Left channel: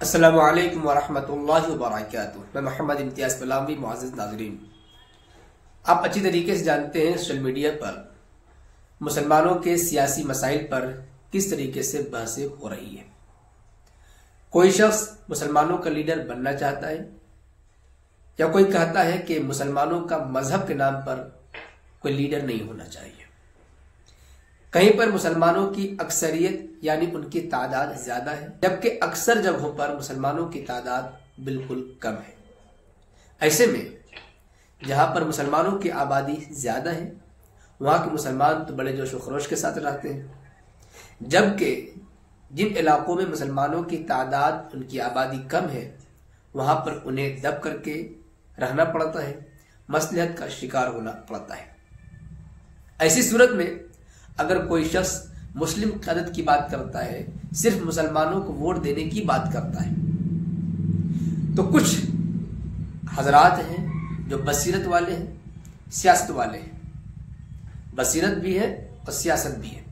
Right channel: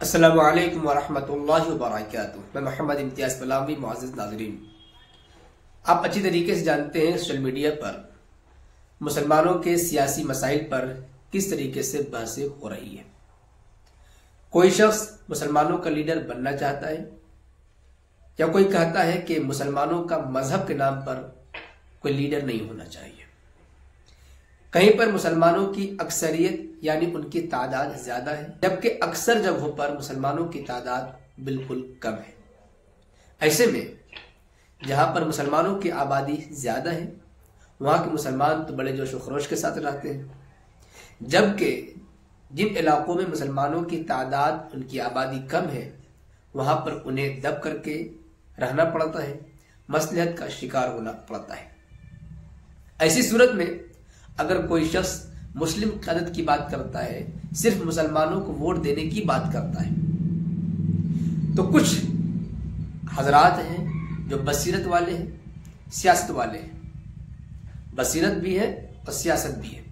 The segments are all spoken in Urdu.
السلام علیکم ورحمۃ اللہ وبرکاتہ۔ میں محمد امتیاز پلاوی۔ معزز ناظرین، آپ اچھی طریقے سے جانتے ہیں سوشل میڈیا پر مسلمانوں کے سیاسی مسائل پر کس طریقے سے بحثیں ہو رہی ہیں۔ کوئی شخص مسلمانوں کا لیڈر بننا چاہتا ہے یا کوئی کہتا ہے کہ مسلمانوں کا مذہب کے نام پر کوئی لیڈر نہیں ہونا چاہیے۔ کہیں پر مسلمانوں کی اکثریت یعنی ان کی تعداد زیادہ ہے، جبکہ اکثر جگہوں پر مسلمانوں کی تعداد بالکل کم ہے۔ ایسے میں جہاں پر مسلمانوں کی آبادی زیادہ ہے وہاں کے مسلمان تو بڑے جوش و خروش کے ساتھ رہتے ہیں، جبکہ جن علاقوں میں مسلمانوں کی تعداد ان کی آبادی کم ہے وہاں پر انہیں دب کر کے رہنا پڑتا ہے، مصلحت کا شکار ہونا پڑتا ہے۔ ایسی صورت میں اگر کوئی شخص مسلم قیادت کی بات کرتا ہے، صرف مسلمانوں کو ووٹ دینے کی بات کرتا ہے، تو کچھ حضرات ہیں جو بصیرت والے ہیں، سیاست والے ہیں، بصیرت بھی ہے اور سیاست بھی ہے۔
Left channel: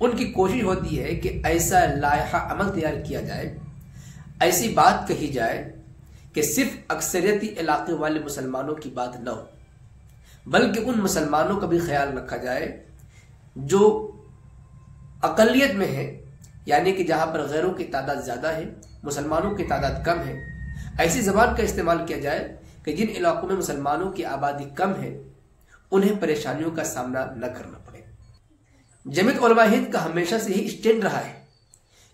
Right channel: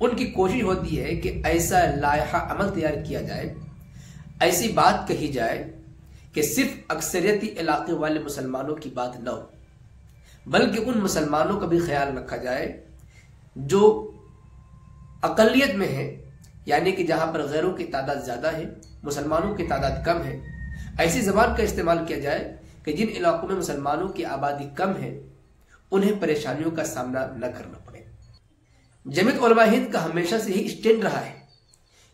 ان کی کوشش ہوتی ہے کہ ایسا لائحہ عمل تیار کیا جائے، ایسی بات کہی جائے کہ صرف اکثریتی علاقے والے مسلمانوں کی بات نہ ہو، بلکہ ان مسلمانوں کا بھی خیال رکھا جائے جو اقلیت میں ہے، یعنی کہ جہاں پر غیروں کی تعداد زیادہ ہے، مسلمانوں کی تعداد کم ہے۔ ایسی زبان کا استعمال کیا جائے کہ جن علاقوں میں مسلمانوں کی آبادی کم ہے انہیں پریشانیوں کا سامنا نہ کرنا پڑے۔ جمعیت علماء ہند کا ہمیشہ سے ہی اسٹینڈ رہا ہے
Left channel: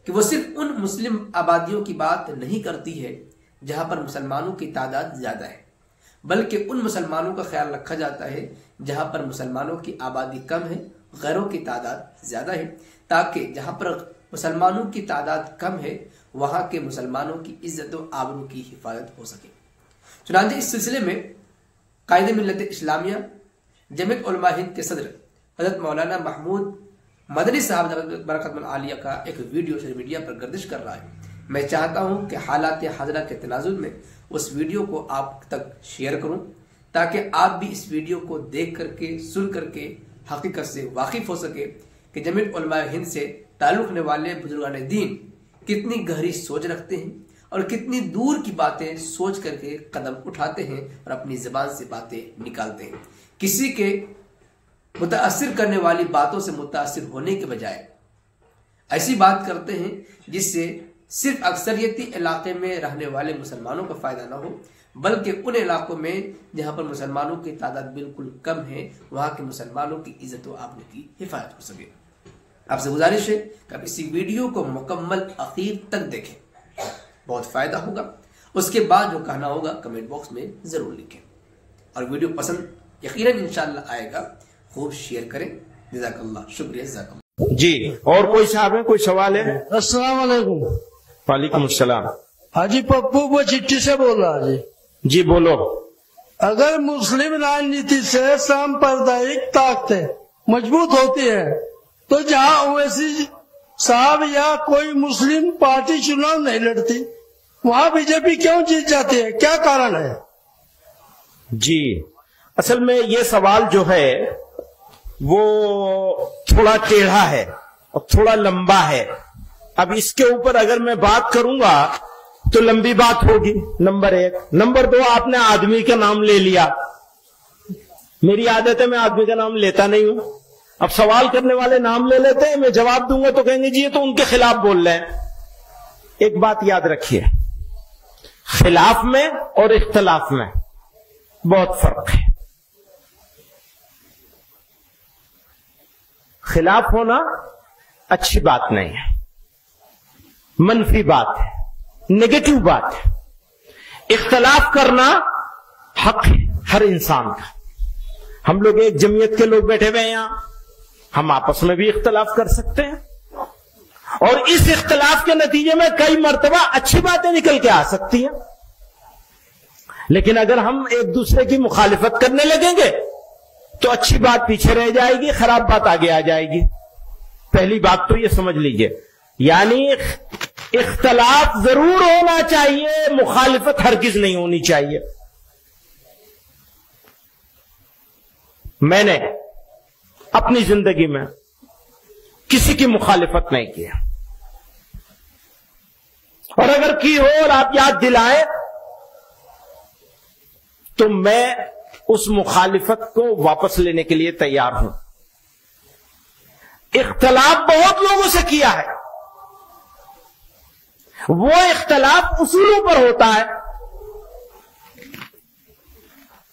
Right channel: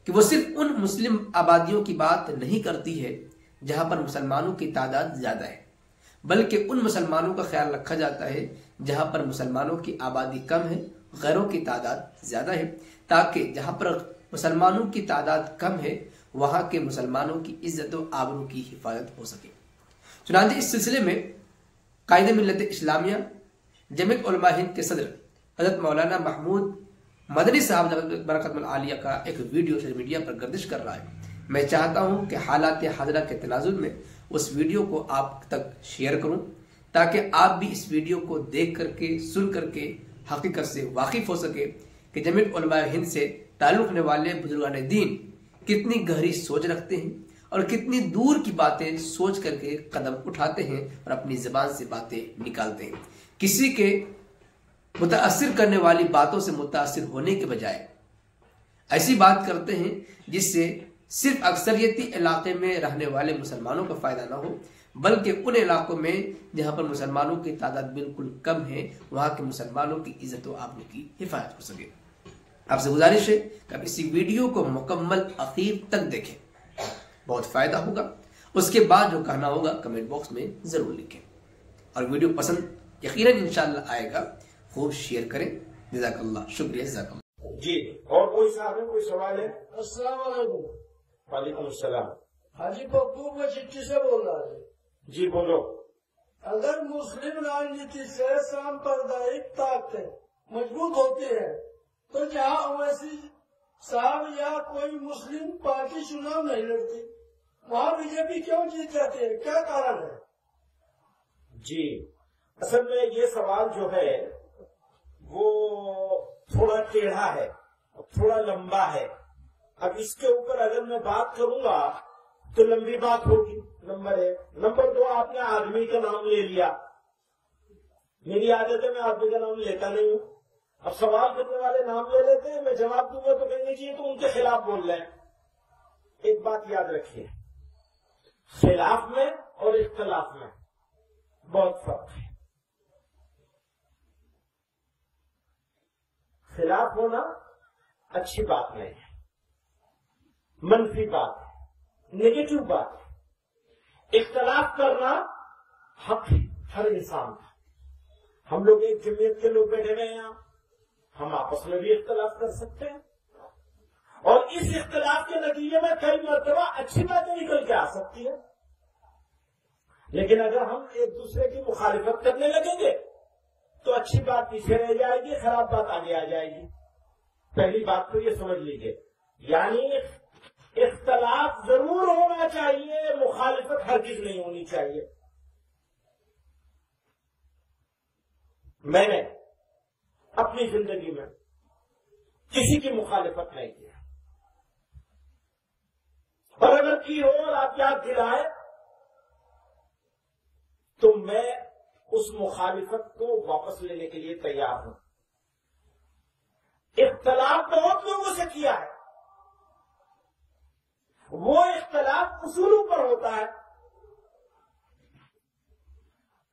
کہ وہ صرف ان مسلم آبادیوں کی بات نہیں کرتی ہے جہاں پر مسلمانوں کی تعداد زیادہ ہے، بلکہ ان مسلمانوں کا خیال رکھا جاتا ہے جہاں پر مسلمانوں کی آبادی کم ہے، غیروں کی تعداد زیادہ ہے، تاکہ جہاں پر مسلمانوں کی تعداد کم ہے وہاں کے مسلمانوں کی عزت و آبرو کی حفاظت ہو سکے۔ چنانچہ اس سلسلے میں قائد ملت اسلامیہ جمعیت علماء ہند کے صدر حضرت مولانا محمود مدنی صاحب برکت العالیہ کا ایک ویڈیو سوشل میڈیا پر گردش کر رہا ہے۔ میں چاہتا ہوں کہ حالات حاضرہ کے تناظر میں اس ویڈیو کو آپ تک شیئر کروں تاکہ آپ بھی اس ویڈیو کو دیکھ کر کے سن کر کے حقیقت سے واقف ہو سکے کہ جمعیت علماء ہند سے تعلق رکھنے والے بزرگان دین کتنی گہری سوچ رکھتے ہیں اور کتنی دور کی باتیں سوچ کر کے قدم اٹھاتے ہیں اور اپنی زبان سے باتیں نکالتے ہیں۔ کسی کے متاثر کرنے والی باتوں سے متاثر ہونے کے بجائے ایسی بات کرتے ہیں جس سے صرف اکثریتی علاقے میں رہنے والے مسلمانوں کا فائدہ نہ ہو، بلکہ ان علاقوں میں جہاں پر مسلمانوں کی تعداد بالکل کم ہے وہاں کے مسلمانوں کی عزت و آبرو کی حفاظت ہو سکے۔ آپ سے گزارش ہے کہ آپ اسی ویڈیو کو مکمل اخیر تک دیکھیں، بہت فائدہ ہوگا۔ اس کے بعد جو کہنا ہوگا کمنٹ باکس میں ضرور لکھیں، اور ویڈیو پسند یقیناً انشاءاللہ آئے گا، خوب شیئر کریں۔ جزاک اللہ، شکریہ، جزاک اللہ۔ جی، اور کوئی صاحب ہے، کوئی سوال ہے؟ السلام علیکم۔ وعلیکم السلام۔ حاجی پپو وہ چٹھی سے بول رہا جی۔ جی بولو۔ اگر مسلم راجنیتی سے سامپردائک طاقتیں مضبوط ہوتی ہے تو جہاں اویسی صاحب یا کوئی مسلم پارٹی چناؤ نہیں لڑتی وہاں بی جے پی کیوں جیت جاتی ہے، کیا کارن ہے؟ جی، اصل میں یہ سوال جو ہے وہ تھوڑا ٹیڑھا ہے اور تھوڑا لمبا ہے۔ اب اس کے اوپر اگر میں بات کروں گا تو لمبی بات ہوگی، نمبر ایک۔ نمبر دو، آپ نے آدمی کا نام لے لیا، میری عادت ہے میں آدمی کا نام لیتا نہیں ہوں۔ اب سوال کرنے والے نام لے لیتے ہیں، میں جواب دوں گا تو کہیں گے جی یہ تو ان کے خلاف بول رہے ہیں۔ ایک بات یاد رکھیے، خلاف میں اور اختلاف میں بہت فرق ہے۔ خلاف ہونا اچھی بات نہیں ہے، منفی بات ہے، نیگیٹو بات ہے۔ اختلاف کرنا حق ہے ہر انسان کا۔ ہم لوگ ایک جمعیت کے لوگ بیٹھے ہوئے ہیں یہاں، ہم آپس میں بھی اختلاف کر سکتے ہیں، اور اس اختلاف کے نتیجے میں کئی مرتبہ اچھی باتیں نکل کے آ سکتی ہیں۔ لیکن اگر ہم ایک دوسرے کی مخالفت کرنے لگیں گے تو اچھی بات پیچھے رہ جائے گی، خراب بات آگے آ جائے گی۔ پہلی بات تو یہ سمجھ لیجئے، یعنی اختلاف ضرور ہونا چاہیے، مخالفت ہرگز نہیں ہونی چاہیے۔ میں نے اپنی زندگی میں کسی کی مخالفت نہیں کی، اور اگر کی ہو اور آپ یاد دلائیں تو میں اس مخالفت کو واپس لینے کے لیے تیار ہوں. اختلاف بہت لوگوں سے کیا ہے, وہ اختلاف اصولوں پر ہوتا ہے,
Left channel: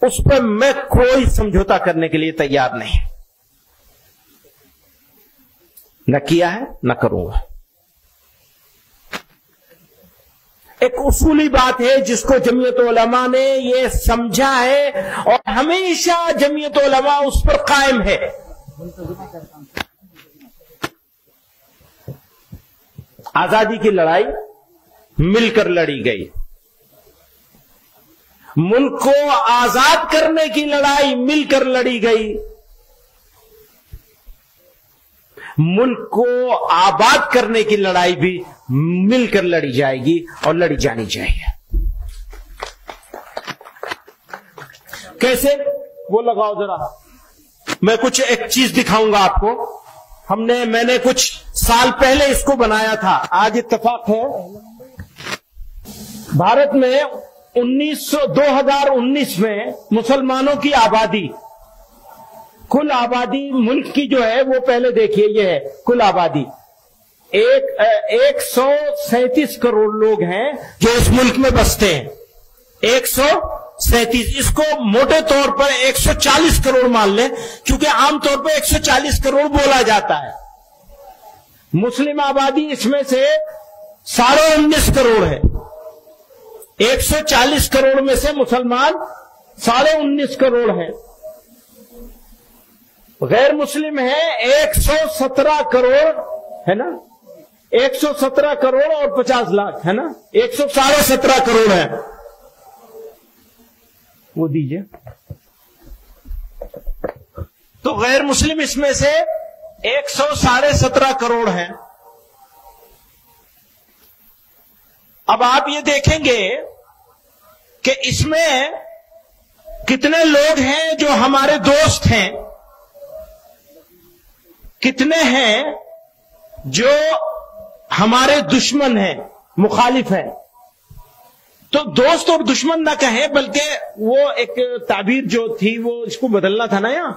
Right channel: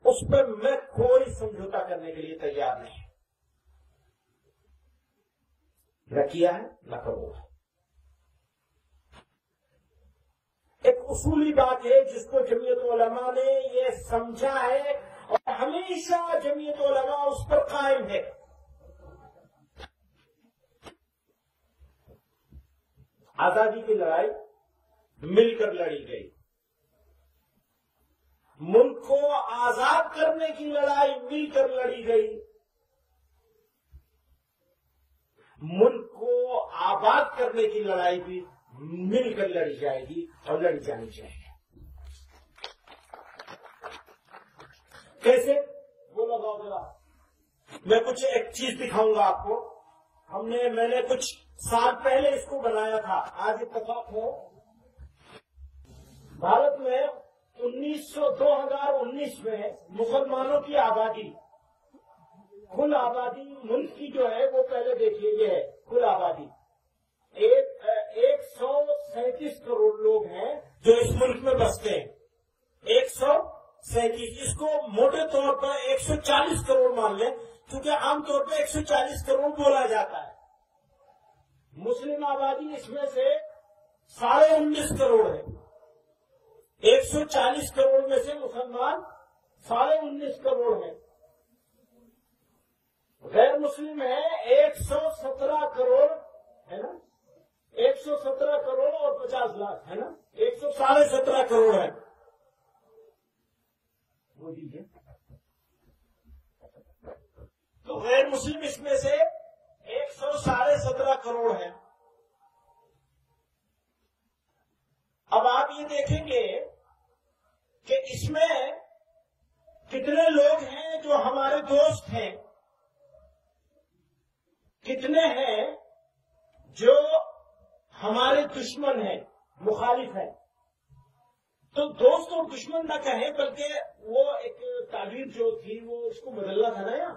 اس پر میں کوئی سمجھوتا کرنے کے لیے تیار نہیں, نہ کیا ہے نہ کروں گا. ایک اصولی بات ہے جس کو جمعیت علماء نے یہ سمجھا ہے اور ہمیشہ جمعیت علماء اس پر قائم ہے. آزادی کی لڑائی مل کر لڑی گئی, ملک کو آزاد کرنے کی لڑائی مل کر لڑی گئی, ملک کو آباد کرنے کی لڑائی بھی مل کر لڑی جائے گی اور لڑی جانی چاہیے. کیسے وہ لگاؤ ذرا, میں کچھ ایک چیز دکھاؤں گا آپ کو. میں نے کچھ سال پہلے اس کو بنایا تھا, آج اتفاق ہے بھارت میں 2019 میں مسلمانوں کی آبادی, کل آبادی ملک کی جو ہے وہ پہلے دیکھیے, یہ ہے کل آبادی 137 کروڑ لوگ ہیں جو اس ملک میں بستے ہیں. 137, اس کو موٹے طور پر 140 کروڑ مان لیں کیونکہ عام طور پر 140 کروڑ بولا جاتا ہے. مسلم آبادی اس میں سے 19.5 کروڑ ہے. 140 کروڑ میں سے مسلمان 19.5 کروڑ ہیں. غیر مسلم ہے 117 کروڑ ہے نا, 117 کروڑ اور 50 لاکھ ہے نا, 117 کروڑ ہے. وہ دیجئے. تو غیر مسلم اس میں سے 117 کروڑ ہیں. اب آپ یہ دیکھیں گے کہ اس میں کتنے لوگ ہیں جو ہمارے دوست ہیں, کتنے ہیں جو ہمارے دشمن ہیں, مخالف ہیں. تو دوست اور دشمن نہ کہیں بلکہ وہ ایک تعبیر جو تھی وہ اس کو بدلنا تھا نا یہاں.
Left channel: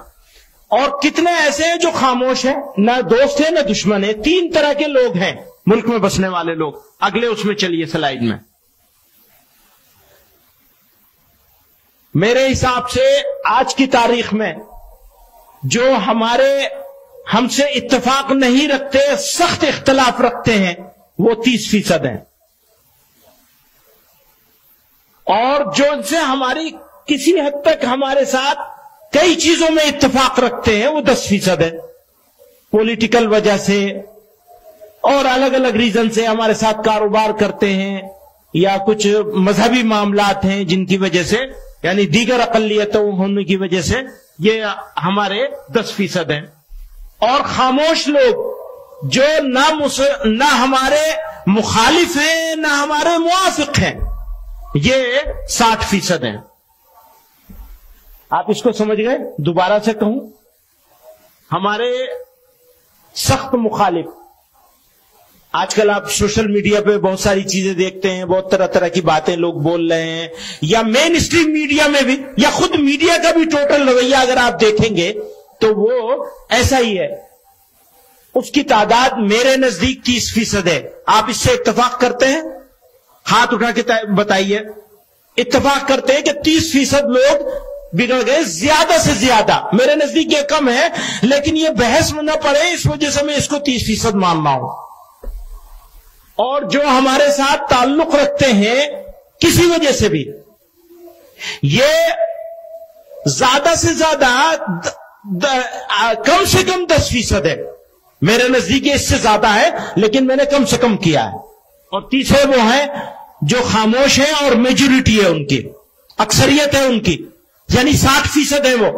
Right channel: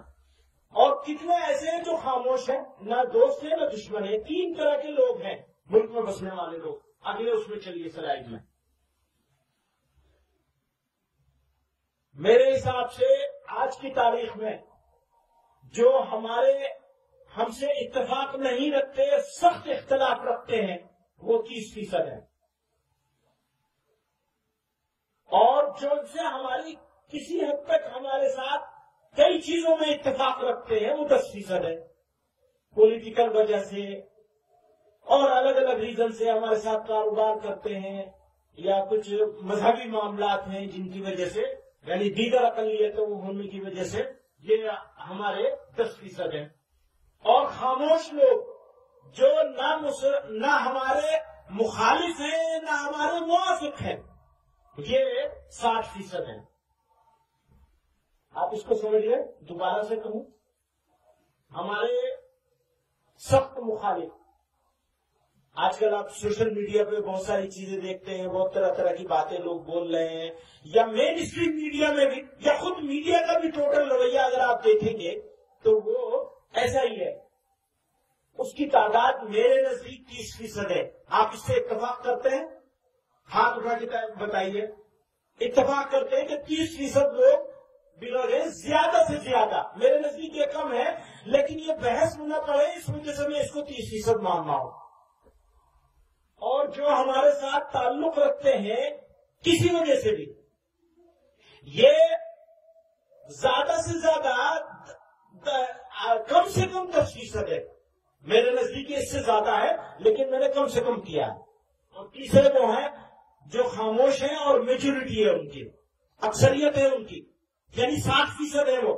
اور کتنے ایسے ہیں جو خاموش ہیں, نہ دوست ہیں نہ دشمن ہیں. 3 طرح کے لوگ ہیں ملک میں بسنے والے لوگ. اگلے اس میں چلیے سلائیڈ میں. میرے حساب سے آج کی تاریخ میں جو ہم سے اتفاق نہیں رکھتے, سخت اختلاف رکھتے ہیں, وہ 30% ہیں. اور جو ان سے ہماری کسی حد تک ہمارے ساتھ کئی چیزوں میں اتفاق رکھتے ہیں وہ 10% ہیں. پولیٹیکل وجہ سے اور الگ الگ ریزن سے ہمارے ساتھ کاروبار کرتے ہیں, یا کچھ مذہبی معاملات ہیں جن کی وجہ سے, یعنی دیگر اقلیتوں ہونے کی وجہ سے یہ ہمارے 10% ہیں. اور خاموش لوگ جو نہ ہمارے مخالف ہیں نہ ہمارے موافق ہیں, یہ 60% ہیں. آپ اس کو سمجھ گئے؟ دوبارہ سے کہوں, ہمارے سخت مخالف. آج کل آپ سوشل میڈیا پہ بہت ساری چیزیں دیکھتے ہیں, بہت طرح طرح کی باتیں لوگ بول رہے ہیں, یا مین اسٹریم میڈیا میں بھی, یا خود میڈیا کا بھی ٹوٹل رویہ اگر آپ دیکھیں گے تو وہ ایسا ہی ہے. اس کی تعداد میرے نزدیک 30% ہے. آپ اس سے اتفاق کرتے ہیں؟ ہاتھ اٹھا کے بتائیے. اتفاق کرتے ہیں کہ 30% لوگ بگڑ گئے. زیادہ سے زیادہ میرے نزدیک یہ کم ہے, لیکن یہ بحث میں نہ پڑے اس وجہ سے میں اس کو 30% ماننا ہوں. اور جو ہمارے ساتھ تعلق رکھتے ہیں کسی وجہ سے بھی, یہ زیادہ سے زیادہ کم سے کم 10% ہے. میرے نزدیک اس سے زیادہ ہے لیکن میں نے کم سے کم کیا ہے. اور تیسرے وہ ہیں جو خاموش ہیں اور میجورٹی ہے ان کی, اکثریت ہے ان کی, یعنی 60% ہے وہ.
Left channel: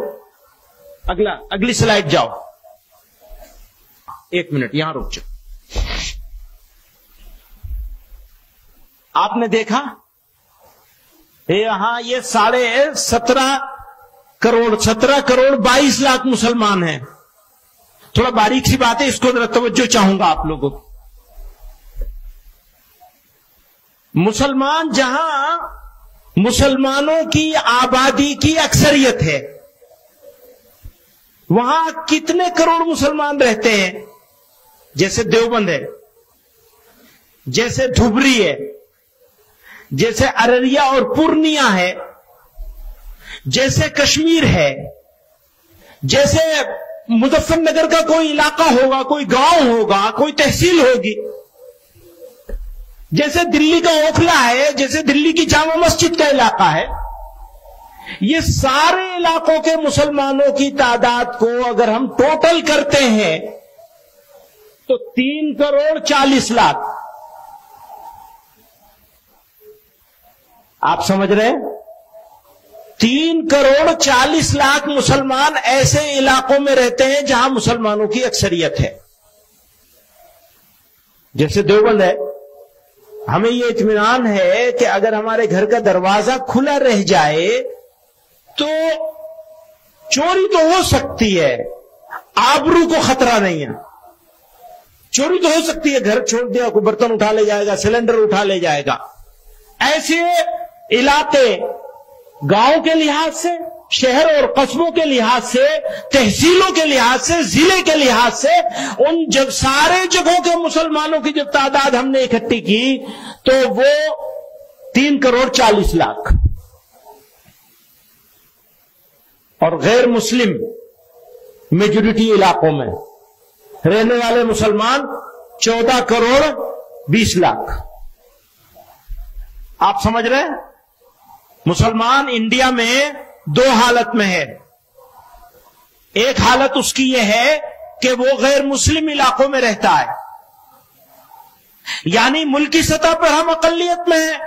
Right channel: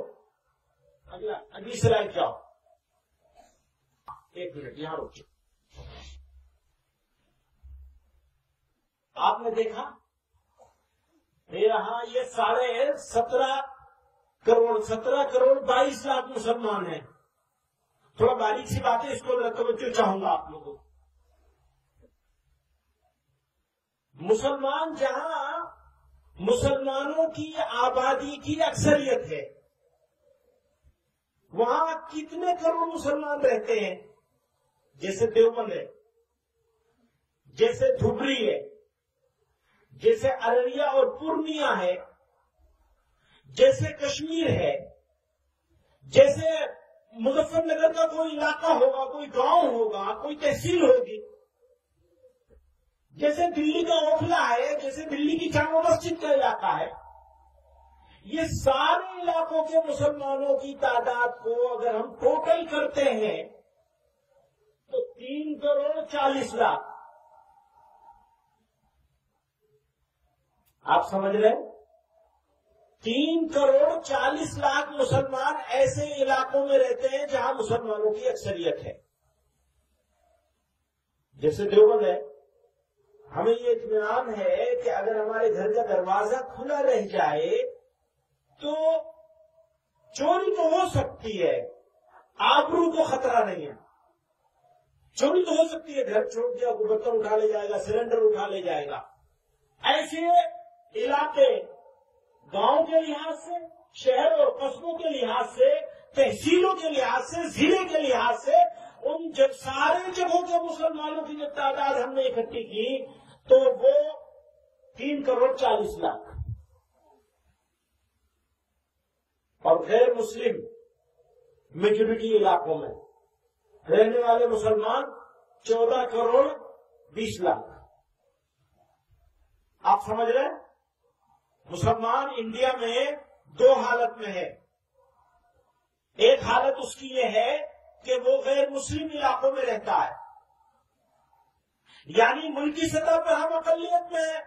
اگلی سلائیڈ جاؤ. 1 منٹ یہاں رک جاؤ. آپ نے دیکھا یہاں یہ 17.5 کروڑ 22 لاکھ مسلمان ہیں. تھوڑا باریک سی بات ہے, اس کو توجہ چاہوں گا آپ لوگوں کو. مسلمان جہاں مسلمانوں کی آبادی کی اکثریت ہے وہاں کتنے کروڑ مسلمان رہتے ہیں؟ جیسے دیوبند ہے، جیسے دھبری ہے، جیسے ارریا اور پورنیا ہے، جیسے کشمیر ہے، جیسے مظفر نگر کا کوئی علاقہ ہوگا، کوئی گاؤں ہوگا، کوئی تحصیل ہوگی، جیسے دلی کا اوکھلا ہے، جیسے دلی کی جامع مسجد کا علاقہ ہے. یہ سارے علاقوں کے مسلمانوں کی تعداد کو اگر ہم ٹوٹل کرتے ہیں تو 3 کروڑ 40 لاکھ. آپ سمجھ رہے ہیں؟ 3 کروڑ 40 لاکھ مسلمان ایسے علاقوں میں رہتے ہیں جہاں مسلمانوں کی اکثریت ہے. جیسے دیوبند ہے، ہمیں یہ اطمینان ہے کہ اگر ہمارے گھر کا دروازہ کھلا رہ جائے تو چوری تو ہو سکتی ہے، آبرو کو خطرہ نہیں ہے. چوری تو ہو سکتی ہے، گھر چھوڑ دیا کوئی برتن اٹھا لے جائے گا، سلنڈر اٹھا لے جائے گا. ایسے علاقے گاؤں کے لحاظ سے، شہر اور قصبوں کے لحاظ سے، تحصیلوں کے لحاظ سے، ضلع کے لحاظ سے، ان جب سارے جگہوں کے مسلمانوں کی جب تعداد ہم نے اکٹھی کی تو وہ 3 کروڑ 40 لاکھ. اور غیر مسلم میجورٹی علاقوں میں رہنے والے مسلمان 14 کروڑ 20 لاکھ. آپ سمجھ رہے ہیں؟ مسلمان انڈیا میں 2 حالت میں ہے. ایک حالت اس کی یہ ہے کہ وہ غیر مسلم علاقوں میں رہتا ہے، یعنی ملکی سطح پر ہم اقلیت میں ہیں،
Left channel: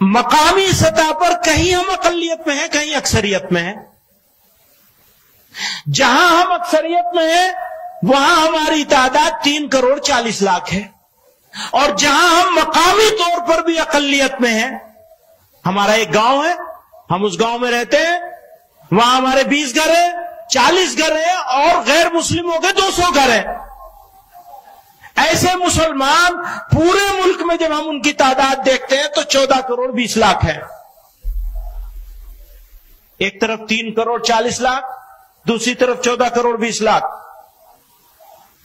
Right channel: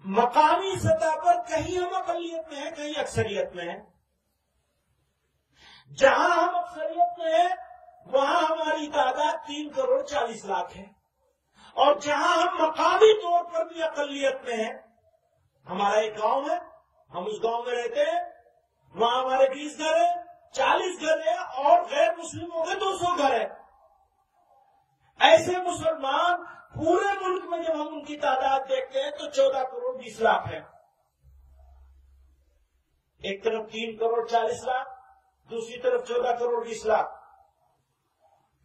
مقامی سطح پر کہیں ہم اقلیت میں ہیں، کہیں اکثریت میں ہیں. جہاں ہم اکثریت میں ہیں وہاں ہماری تعداد 3 کروڑ 40 لاکھ ہے، اور جہاں ہم مقامی طور پر بھی اقلیت میں ہیں، ہمارا ایک گاؤں ہے، ہم اس گاؤں میں رہتے ہیں، وہاں ہمارے 20 گھر ہیں، 40 گھر ہیں، اور غیر مسلموں کے 200 گھر ہیں. ایسے مسلمان پورے ملک میں جب ہم ان کی تعداد دیکھتے ہیں تو 14 کروڑ 20 لاکھ ہے. ایک طرف 3 کروڑ 40 لاکھ، دوسری طرف 14 کروڑ 20 لاکھ.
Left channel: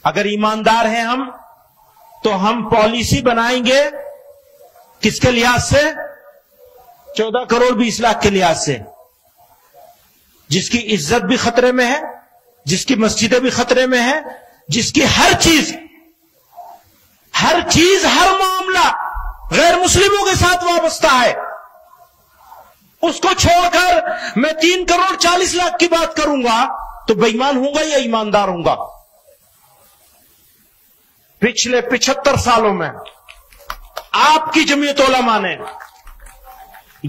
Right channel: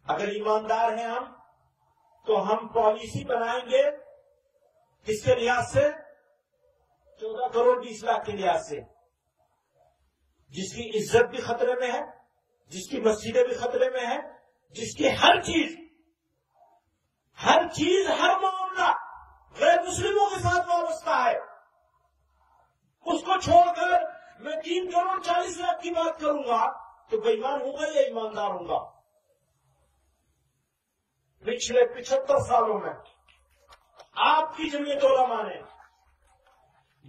اگر ایماندار ہیں ہم تو ہم پالیسی بنائیں گے کس کے لحاظ سے؟ 14 کروڑ 20 لاکھ کے لحاظ سے، جس کی عزت بھی خطرے میں ہے، جس کی مسجدیں بھی خطرے میں ہیں، جس کی ہر چیز ہر معاملہ غیر مسلموں کے ساتھ وابستہ ہے. اس کو چھوڑ کر میں 3 کروڑ 40 لاکھ کی بات کروں گا تو بے ایمان ہوں گا یا ایماندار ہوں گا؟ پچھلے 75 سالوں میں آپ کی جمعیت علماء نے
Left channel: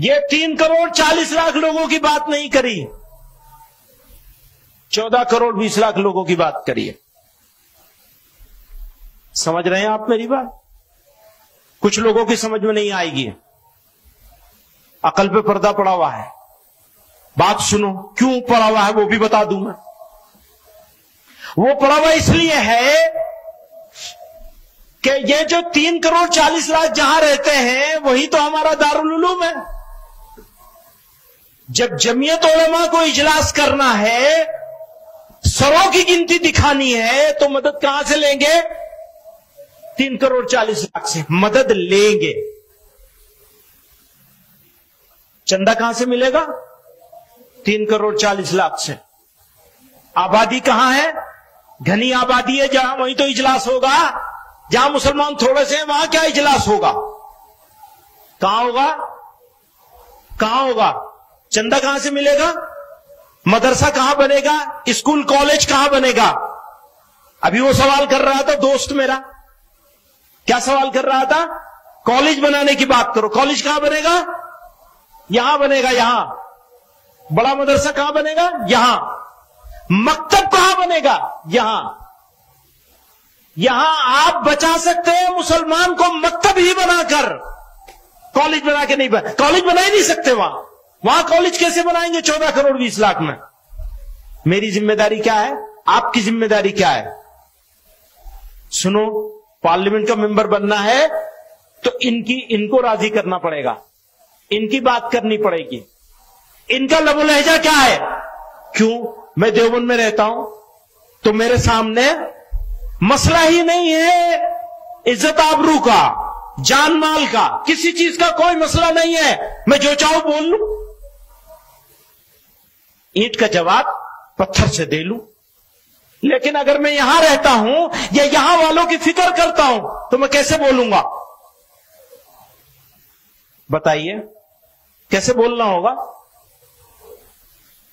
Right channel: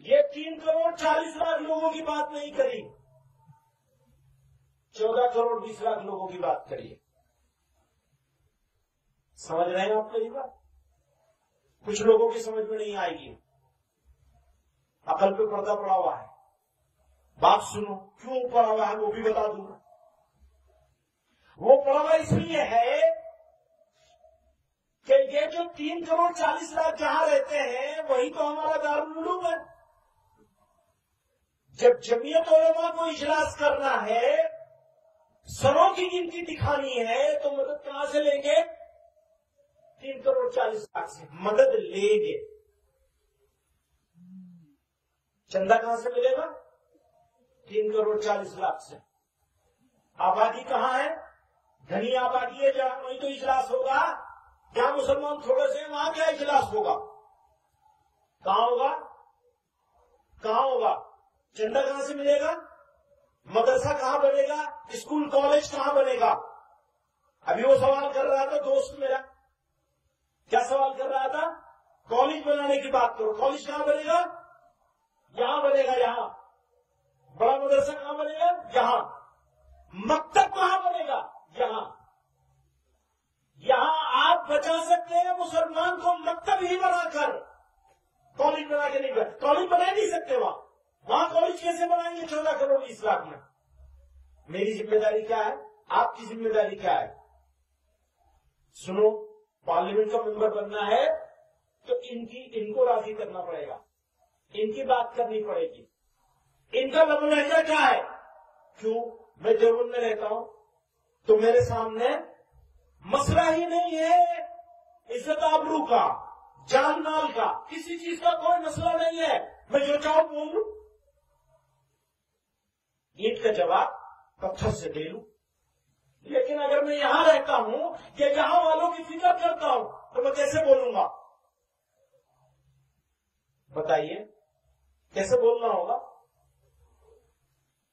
یہ 3 کروڑ 40 لاکھ لوگوں کی بات نہیں کری، 14 کروڑ 20 لاکھ لوگوں کی بات کری ہے. سمجھ رہے ہیں آپ میری بات؟ کچھ لوگوں کی سمجھ میں نہیں آئے گی، عقل پہ پردہ پڑا ہوا ہے. بات سنو، کیوں پڑا ہوا ہے وہ بھی بتا دوں میں. وہ پڑا ہوا اس لیے ہے کہ یہ جو 3 کروڑ 40 لاکھ جہاں رہتے ہیں وہی تو ہمارا دارالعلوم ہے. جب جمعیت علماء کو اجلاس کرنا ہے، سروں کی گنتی دکھانی ہے، تو مدد کہاں سے لیں گے؟ 3 کروڑ 40 لاکھ سے مدد لیں گے. چندہ کہاں سے ملے گا؟ 3 کروڑ 40 لاکھ سے. آبادی کہاں ہے؟ گھنی آبادی ہے جہاں، وہیں تو اجلاس ہوگا. جہاں مسلمان تھوڑے سے ہیں وہاں کیا اجلاس ہوگا؟ کہاں ہوگا؟ کہاں ہوگا؟ چندہ کہاں سے ملے گا؟ مدرسہ کہاں بنے گا؟ اسکول کالج کہاں بنے گا؟ ابھی وہ سوال کر رہا تھا دوست میرا. کیا سوال کر رہا تھا؟ کالج بنانے کی بات کرو. کالج کہاں بنے گا؟ یہاں بنے گا. یہاں. بڑا مدرسہ کہاں بنے گا؟ یہاں. مکتب کہاں بنے گا؟ یہاں. یہاں آپ بچا سکتے ہیں مسلمان کو مکتب ہی بنا کر. کالج بنا کے نہیں کالج بنا ہی نہیں سکتے. وہاں کالج کیسے بنائیں گے 14 کروڑ 20 لاکھ میں؟ میری ذمہ داری کیا ہے؟ آپ کی ذمہ داری کیا ہے؟ سنو، پارلیمنٹ کا ممبر بننا ہے تو ان کو راضی کرنا پڑے گا، ان کی بات کرنی پڑے گی. ان کا لب و لہجہ کیا ہے؟ کیوں؟ میں دیوبند میں رہتا ہوں تو میرے سامنے مسئلہ ہی نہیں ہے عزت آبرو کا، جان مال کا، کسی چیز کا کوئی مسئلہ نہیں ہے، میں جو چاہوں بول لوں، اینٹ کا جواب پتھر سے دے لوں. لیکن اگر میں یہاں رہتا ہوں یا یہاں والوں کی فکر کرتا ہوں تو میں کیسے بولوں گا؟ بتائیے کیسے بولنا ہوگا؟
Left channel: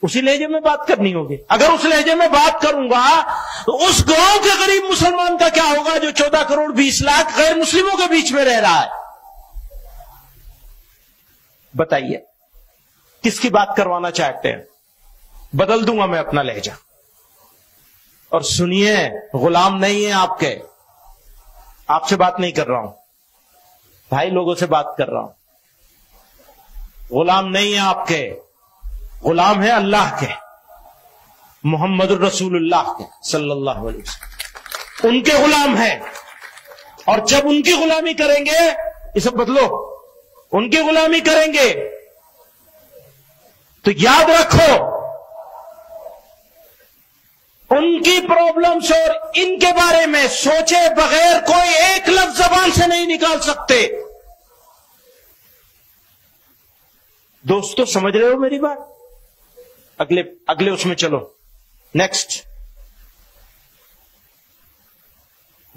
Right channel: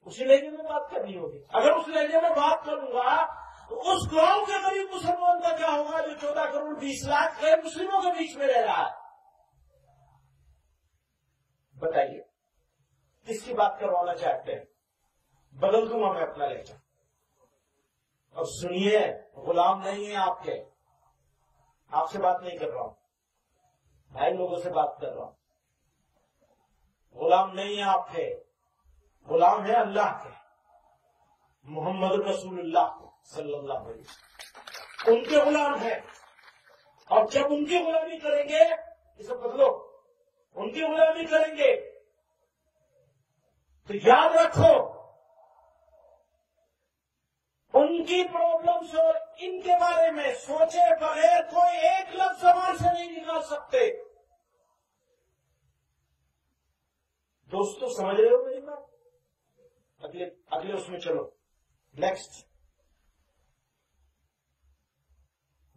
اسی لہجے میں بات کرنی ہوگی. اگر اس لہجے میں بات کروں گا تو اس گاؤں کے غریب مسلمان کا کیا ہوگا جو 14 کروڑ 20 لاکھ غیر مسلموں کے بیچ میں رہ رہا ہے؟ بتائیے کس کی بات کروانا چاہتے ہیں؟ بدل دوں گا میں اپنا لہجہ. اور سنیے، غلام نہیں ہیں آپ کے، آپ سے بات نہیں کر رہا ہوں، بھائی لوگوں سے بات کر رہا ہوں. غلام نہیں ہیں آپ کے، غلام ہے اللہ کے، محمد الرسول اللہ کے صلی اللہ علیہ وسلم، ان کے غلام ہیں. اور جب ان کی غلامی کریں گے، اسے بدلو، ان کی غلامی کریں گے تو یاد رکھو ان کی پرابلمز اور ان کے بارے میں سوچے بغیر کوئی ایک لفظ زبان سے نہیں نکال سکتے. دوستو سمجھ رہے ہو میری بات؟ اگلے اس میں چلو. نیکسٹ،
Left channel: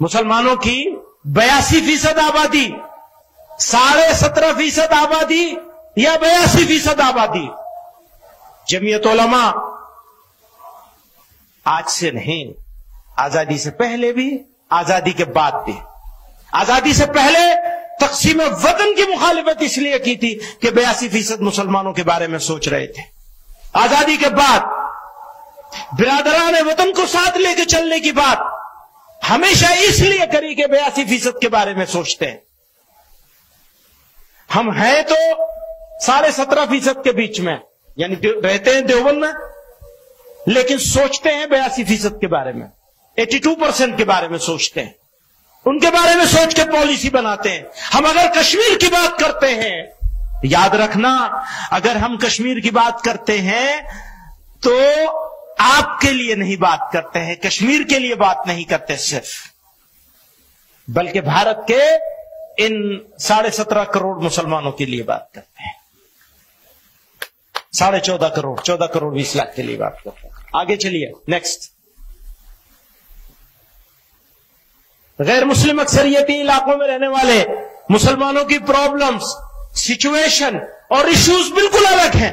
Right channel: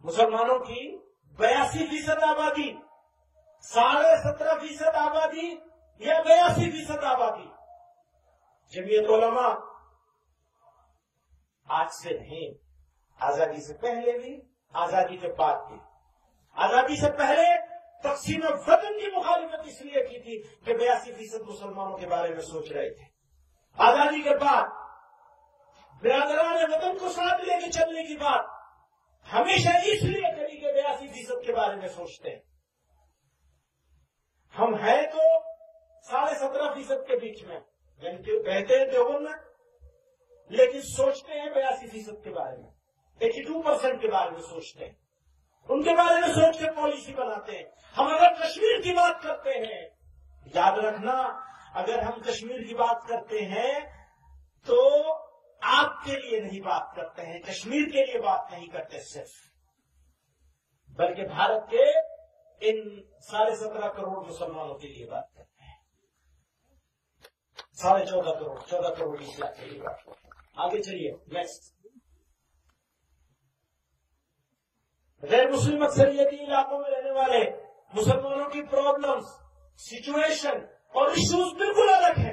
مسلمانوں کی 82% آبادی، 17.5% آبادی یا 82% آبادی. جمعیت علماء آج سے نہیں، آزادی سے پہلے بھی، آزادی کے بعد بھی. آزادی سے پہلے تقسیم وطن کی مخالفت اس لیے کی تھی کہ 82% مسلمانوں کے بارے میں سوچ رہے تھے. آزادی کے بعد برادران وطن کو ساتھ لے کے چلنے کی بات ہمیشہ اس لیے کری کہ 82% کے بارے میں سوچتے ہیں. ہم ہیں تو 17.5% کے بیچ میں، یعنی رہتے ہیں دیوبند میں، لیکن سوچتے ہیں 82% کے بارے میں، 82% کے بارے میں سوچتے ہیں، ان کے بارے میں سوچ کے پالیسی بناتے ہیں. ہم اگر کشمیر کی بات کرتے ہیں، یاد رکھنا، اگر ہم کشمیر کی بات کرتے ہیں تو آپ کے لیے نہیں بات کرتے ہیں، کشمیر کے لیے بات نہیں کرتے صرف، بلکہ بھارت کے ان 17.5 کروڑ مسلمانوں کے لیے بات کرتے ہیں، 14.5 کروڑ 14 کروڑ 20 لاکھ کے لیے بات کرتے ہیں. آگے چلیے. نیکسٹ، غیر مسلم اکثریتی علاقوں میں رہنے والے مسلمانوں کی پرابلمز، سچویشن اور ایشوز بالکل الگ ہیں.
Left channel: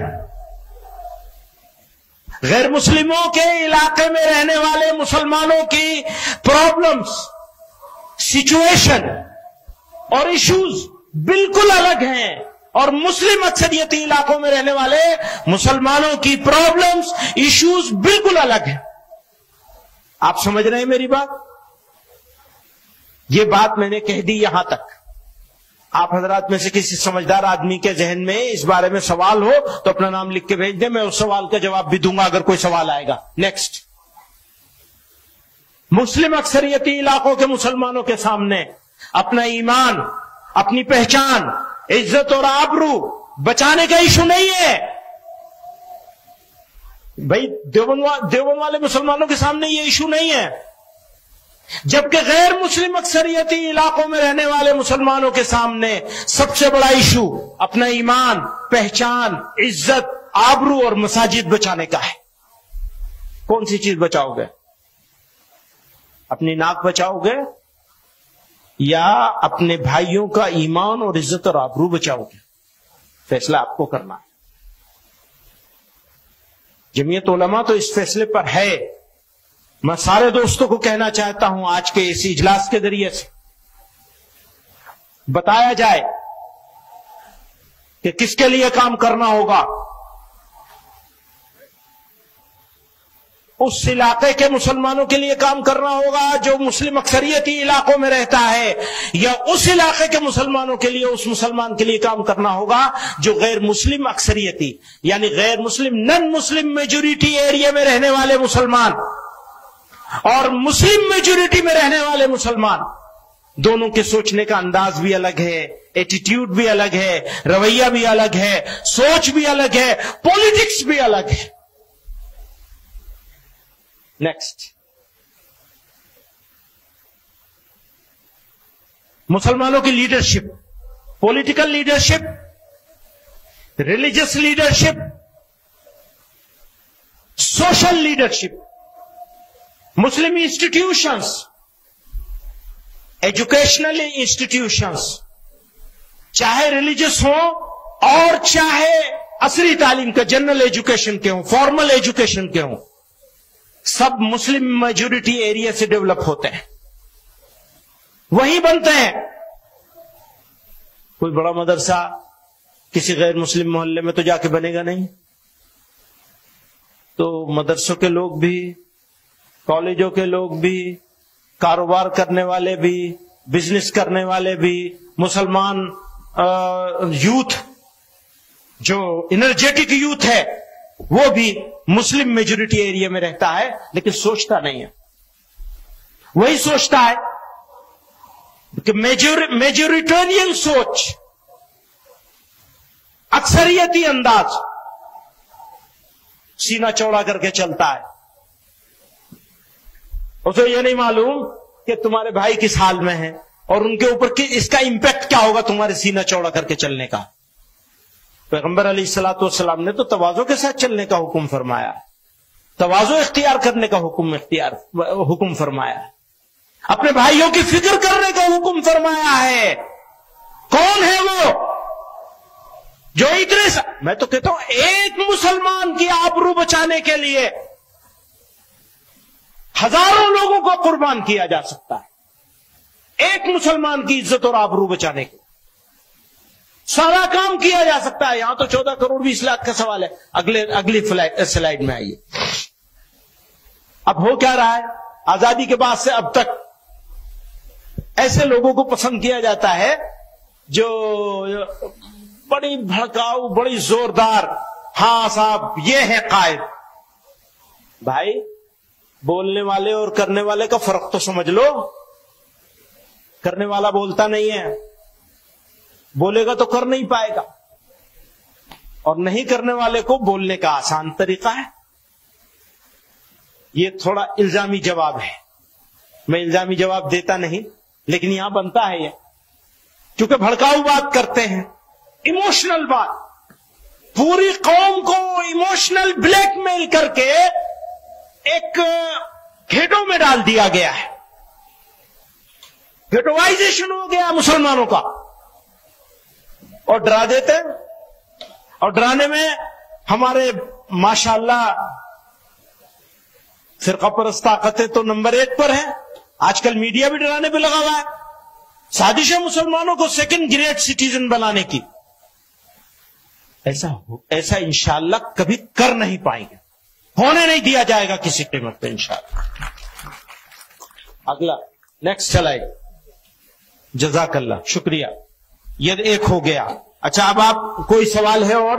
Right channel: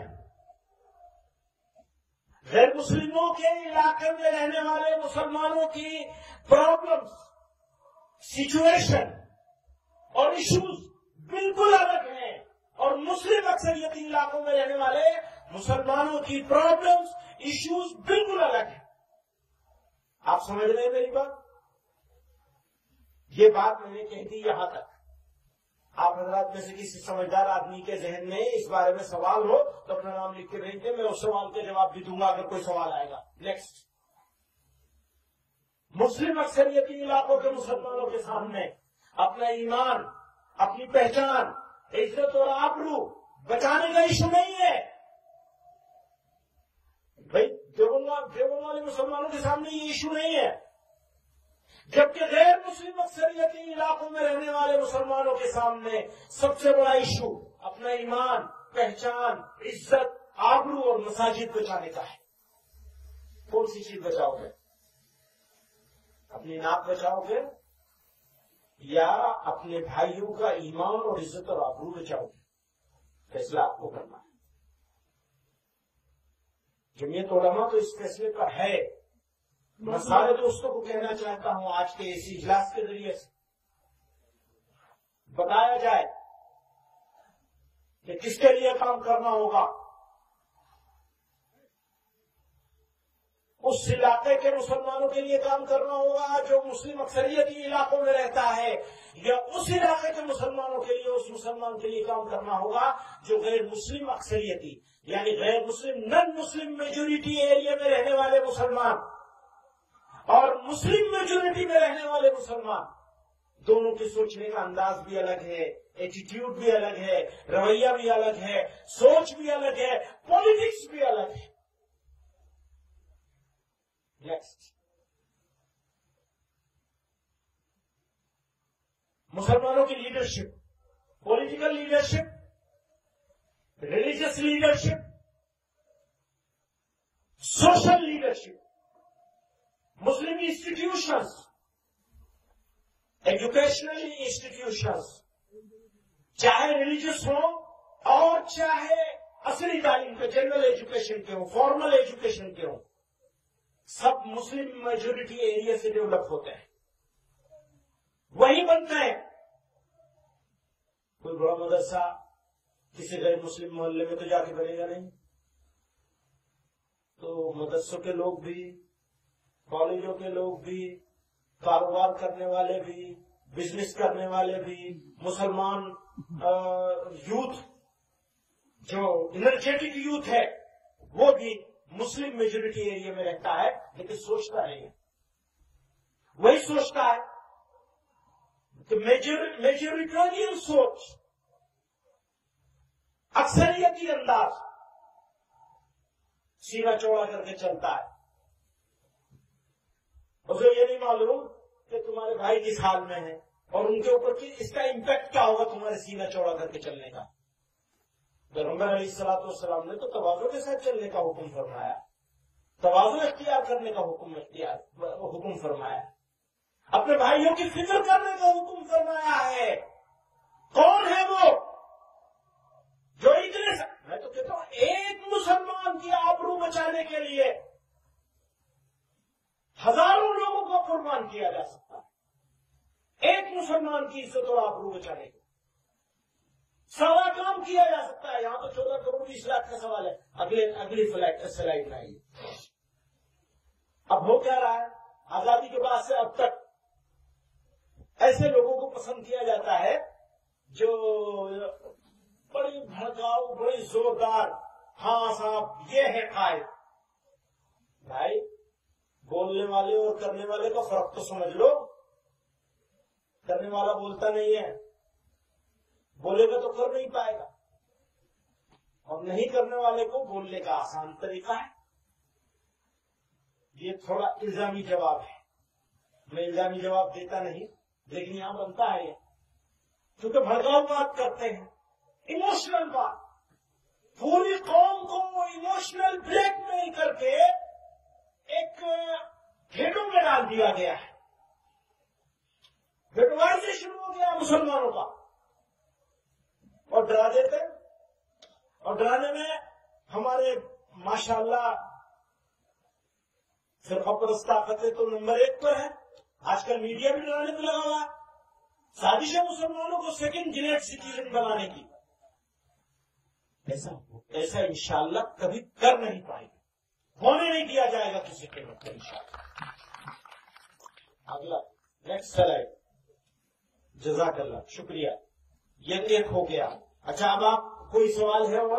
غیر مسلموں کے علاقے میں رہنے والے مسلمانوں کی پرابلمز، سچویشن اور ایشوز بالکل الگ ہیں، اور مسلم اکثریتی علاقوں میں رہنے والے مسلمانوں کی پرابلمز، ایشوز بالکل الگ ہیں. آپ سمجھ رہے ہیں میری بات؟ یہ بات میں نے کہہ دی یہاں تک. آپ حضرات میں سے کسی سمجھدار آدمی کے ذہن میں اس بارے میں سوال ہو تو اپنا نام لکھ کے بھیج دیں، میں اس سوال کا جواب بھی دوں گا اگر کوئی سوال آئے گا. نیکسٹ، مسلم اکثریتی علاقوں کے مسلمانوں کے سامنے اپنا ایمان، اپنی پہچان، عزت اور آبرو بچانے کا ایشو نہیں ہے. بھائی دیوبند والے مسلمانوں کے سامنے یہ ایشو نہیں ہے، جبکہ غیر مسلم اکثریتی علاقوں میں رہنے والے مسلمانوں کے سامنے سب سے بڑا ایشو اپنا ایمان، پہچان، عزت، آبرو اور مساجد بچانے کا ہے. کون سی چیز بچاؤ گے؟ اپنی ناک بچاؤ گے یا اپنے بھائیوں کا ایمان اور عزت اور آبرو بچاؤ گے؟ فیصلہ آپ کو کرنا ہے. جمعیت علماء تو اس فیصلے پر ہے. میں سارے دوستوں کو کہنا چاہتا ہوں آج کے اس اجلاس کے ذریعے سے بتایا جائے کہ کس کے لیے کام کرنا ہوگا. اس علاقے کے مسلمانوں کے لیے کام کرنا ہوگا جو مسلم اکثریتی علاقوں میں رہتا ہے، یا اس علاقے کے مسلمانوں کے لیے اس مسلمان کے لیے کام کرنا ہوگا جو غیر مسلم اکثریتی یعنی غیر مسلم نن مسلم میجورٹی ایریا میں رہنے والے مسلمان اور مسلم میجورٹی میں رہنے والے مسلمان دونوں کے سوچنے کا انداز بھی الگ ہے، ایٹیٹیوڈ بھی الگ ہے، رویہ بھی الگ ہے، سوچ بھی الگ ہے، پولیٹکس بھی الگ ہے. نیکسٹ، مسلمانوں کی leadership, political leadership, religious leadership, social leadership, مسلم انسٹیٹیوشنز، ایجوکیشنل انسٹیٹیوشنز، چاہے ریلیجس ہوں اور چاہے عصری تعلیم کا جنرل ایجوکیشن کے ہوں، فارمل ایجوکیشن کے ہوں، سب مسلم میجورٹی ایریا سے ڈیولپ ہوتے ہیں، وہی بنتے ہیں. کوئی بڑا مدرسہ کسی غیر مسلم محلے میں تو جا کے بنے گا نہیں. تو مدرسوں کے لوگ بھی، کالجوں کے لوگ بھی، کاروبار کرنے والے بھی، بزنس کرنے والے بھی، مسلمان یوتھ جو انرجیٹک یوتھ ہے وہ بھی مسلم میجورٹی ایریا میں رہتا ہے، لیکن سوچتا نہیں ہے. وہی سوچتا ہے کہ میجورٹینین سوچ، اکثریتی انداز، سینہ چوڑا کر کے چلتا ہے. اسے یہ نہیں معلوم کہ تمہارے بھائی کس حال میں ہیں اور ان کے اوپر اس کا امپیکٹ کیا ہوگا تمہارے سینہ چوڑا کر کے چلنے کا. پیغمبر علیہ الصلوۃ والسلام نے تو تواضع کے ساتھ چلنے کا حکم فرمایا، تواضع اختیار کرنے کا حکم فرمایا، اپنے بھائیوں کی فکر کرنے کا حکم فرمایا ہے. کون ہے وہ جو میں تو کہتا ہوں ایک مسلمان کی آبرو بچانے کے لیے ہزاروں لوگوں کو قربان کیا جا سکتا ہے. ایک مسلمان کی عزت اور آبرو بچانے کے سارا کام کیا جا سکتا ہے. یہاں تو 14 کروڑ 20 لاکھ کا سوال ہے. اگلی سلائیڈ میں آئیے. اب ہو کیا رہا ہے؟ آزادی کے بعد سے اب تک ایسے لوگوں کو پسند کیا جاتا ہے جو بڑی بھڑکاؤ، بڑی زوردار، ہاں صاحب یہ ہے قائد. بھائی بولنے والے اور کرنے والے کا فرق تو سمجھ لو. کرنے والا بولتا نہیں ہے، بولے گا تو کر نہیں پائے گا، اور نہیں کرنے والے کو بولنے کا آسان طریقہ ہے. یہ تھوڑا الزامی جواب ہے، میں الزامی جواب دیتا نہیں، لیکن یہاں بنتا ہے یہ، کیونکہ بھڑکاؤ بات کرتے ہیں، ایموشنل بات، پوری قوم کو ایموشنل بلیک میل کر کے ایک گھیٹوں میں ڈال دیا گیا ہے. گھیٹوائزیشن ہو گیا مسلمانوں کا، اور ڈرا دیتے ہیں. اور ڈرانے میں ہمارے ماشاءاللہ فرقہ پرست طاقتیں تو نمبر 1 پر ہیں. آج کل میڈیا بھی ڈرانے پہ لگا ہوا ہے، سازش ہے مسلمانوں کو سیکنڈ گریڈ سٹیزن بنانے کی. ایسا انشاءاللہ کبھی کر نہیں پائیں گے، ہونے نہیں دیا جائے گا کسی قیمت پہ انشاءاللہ. اگلا نیکسٹ چلائے. جزاک اللہ، شکریہ. یہ ایک ہو گیا. اچھا اب آپ کوئی سوال ہے اور؟